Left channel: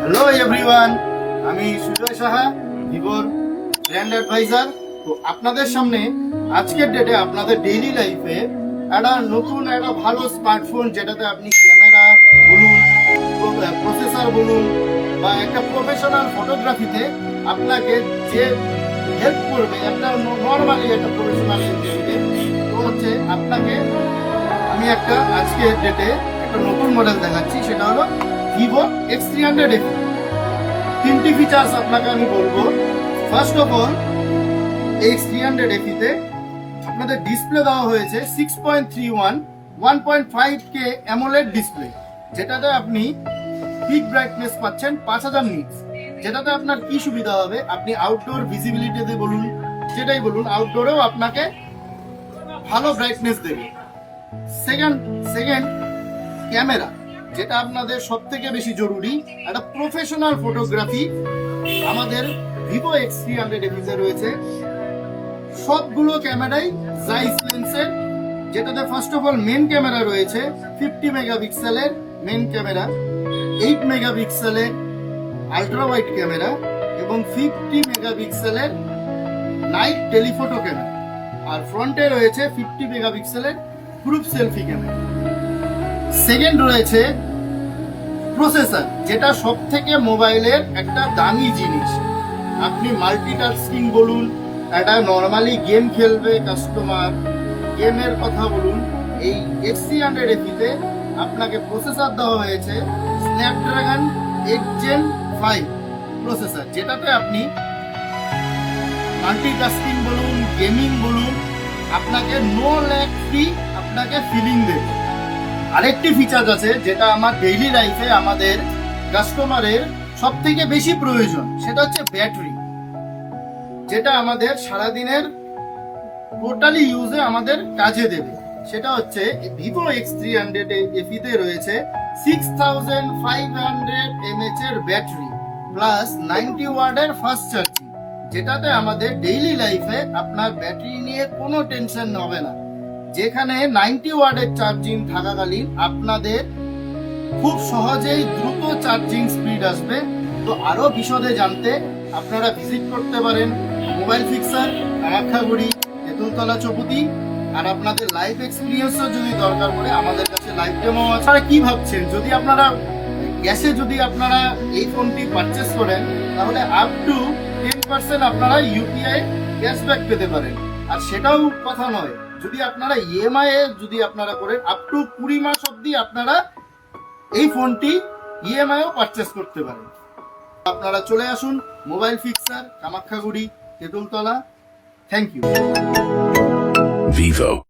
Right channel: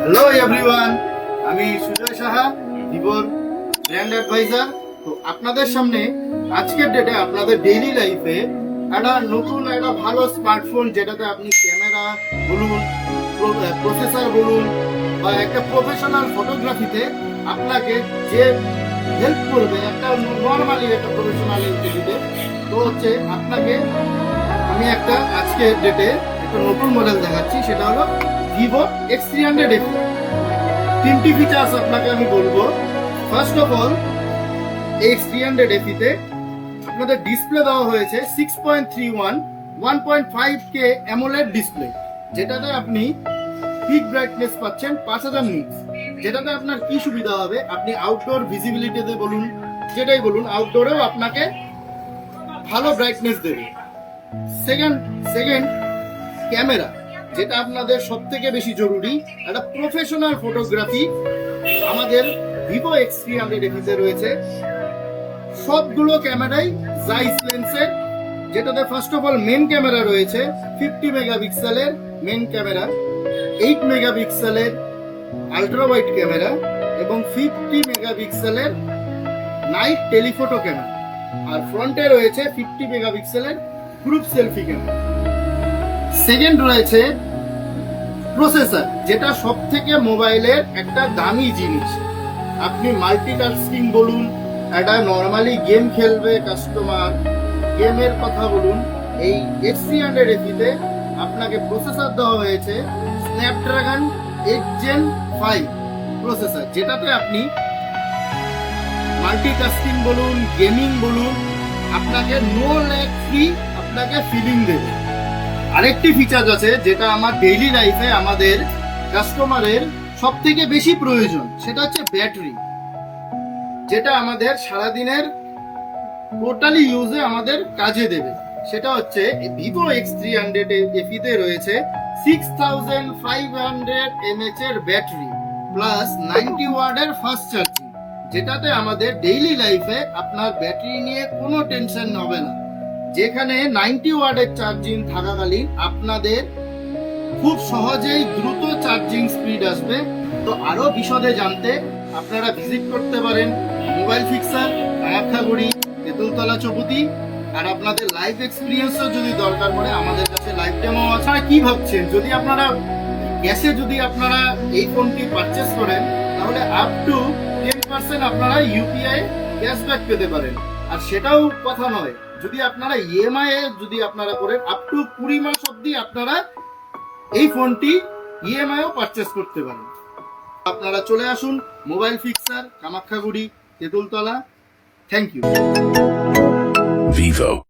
Hello everyone, আমি সুজয় সাহা, ভিভোর brand adviser. তো আপনাদের সামনে আজকের ডেটে আপনাদের ডেইলি লাইফে একটা ভালো স্মার্টফোন, যেটাতে আপনি ক্যামেরা বলুন, প্রসেসর বলুন, বা একটা প্রফেশনাল ফটোগ্রাফিতে আপনাকে যে হেল্প করবে একটা নর্মালি একটা প্রফেশনাল ইন্টারভিউতে, তো হচ্ছে আপনাকে আমি আজকের ডেটে একটা নতুন মডেল দেখাচ্ছি। সেটা হলো ভিভো X300 FE। তিনটি ফিচার্স আপনাকে আমি বলবো। First of all, X300 FE তে আপনাদের ডিসপ্লে দেওয়া হয়েছে 6.31 1.5K AMOLED ডিসপ্লে, যেটাতে আপনি পিক ব্রাইটনেস পাচ্ছেন 5000 নিটস। যেটাতে আপনার কি সুবিধা হবে, আপনি আউটডোর ভিজিবিলিটিতে বলুন, যেটাই বলুন, আউটডোরেও আপনাকে ভালো ব্রাইটনেস দেবে। সেকেন্ড ক্যামেরা, যেটা আপনাদের সব থেকে বেশি জরুরি। একটা প্রফেশনাল ফটোগ্রাফি আমাদের ভিভো X300 FE রয়েছে। সবগুলো ক্যামেরাই জাইস লেন্সের, যেটাতে first of all men camera রয়েছে 50 মেগাপিক্সেলের মেন ক্যামেরা, 8 মেগাপিক্সেলের আল্ট্রা ওয়াইড ক্যামেরা এবং 50 মেগাপিক্সেলের নাইট টেলিফটো ক্যামেরা। আর ফ্রন্টে রয়েছে 50 মেগাপিক্সেলের গ্রুপ সেলফি ক্যামেরা। সেকেন্ড রয়েছে প্রসেসর, যেটা সব থেকে মোবাইলের একটা দামি জিনিস। আপনি মাল্টিটাস্কিং বলুন, একটা নর্মালি গেম খেলবে কাস্টমার, গেমের কথা বলুন, এই X300 FE তে আপনাকে প্রসেসর দেওয়া হয়েছে স্ন্যাপড্রাগন 8 Gen 5 প্রসেসর, যেটাতে আপনি মাল্টিটাস্কিং বলুন, গেমিং বলুন, আপনাকে নো ল্যাগ ফ্রি আপনাকে ফিলিং দেবে। আরেকটি ফিচার আছে যেটা আমার ডেইলি লাইফে আমাদের কাস্টমারের সব থেকে বেশি প্রয়োজন, সেটা হচ্ছে ব্যাটারি, যেটা আমাদের সারাদিনের টোটালি ইউজে আমাদের কাজে দেবে। সেটা হচ্ছে ভিভো X300 FE তে রয়েছে 6500 mAh এর ব্যাটারি প্লাস 90 ওয়াটের ফাস্ট চার্জিং, যেটাতে আমাদের ডেইলি লাইফে আপনার ব্যাটারি নিয়ে কোনো টেনশন হবে না। যেখানে 90 ওয়াটের চার্জিং থাকাকালীন আপনাদের খুব সহজেই দ্রুত চার্জিং স্পিড আসবে। তো আরো বিশদে জানতে আপনারা ভিজিট করতে পারেন মোবাইল ফিক্সার, কামাখ্যাগুড়ি, তেঁতুলতলা চৌপতি। আর আপনাদের লাইভ এক্সপিরিয়েন্সও যদি দরকার পড়ে, আমাদের কাছে লাইভ ডেমো আছে। আপনারা কি ভাবছেন, যদি আপনারা এই ফোনটি পারচেস করেন, তাহলে আপ টু 10% আপনারা ইউপিআই ক্যাশব্যাক পেতে পারেন। আর সেটাও কথা নয়, যদি আপনারা ইএমআই করেন, আপ টু 20 মাস অবধি আপনারা এই ফোনটি ইএমআইও পারচেস করতে পারেন। আপনারা চলে আসুন mobile fixer, Kamakhyaguri, Tetultala. Thank you. Vivo.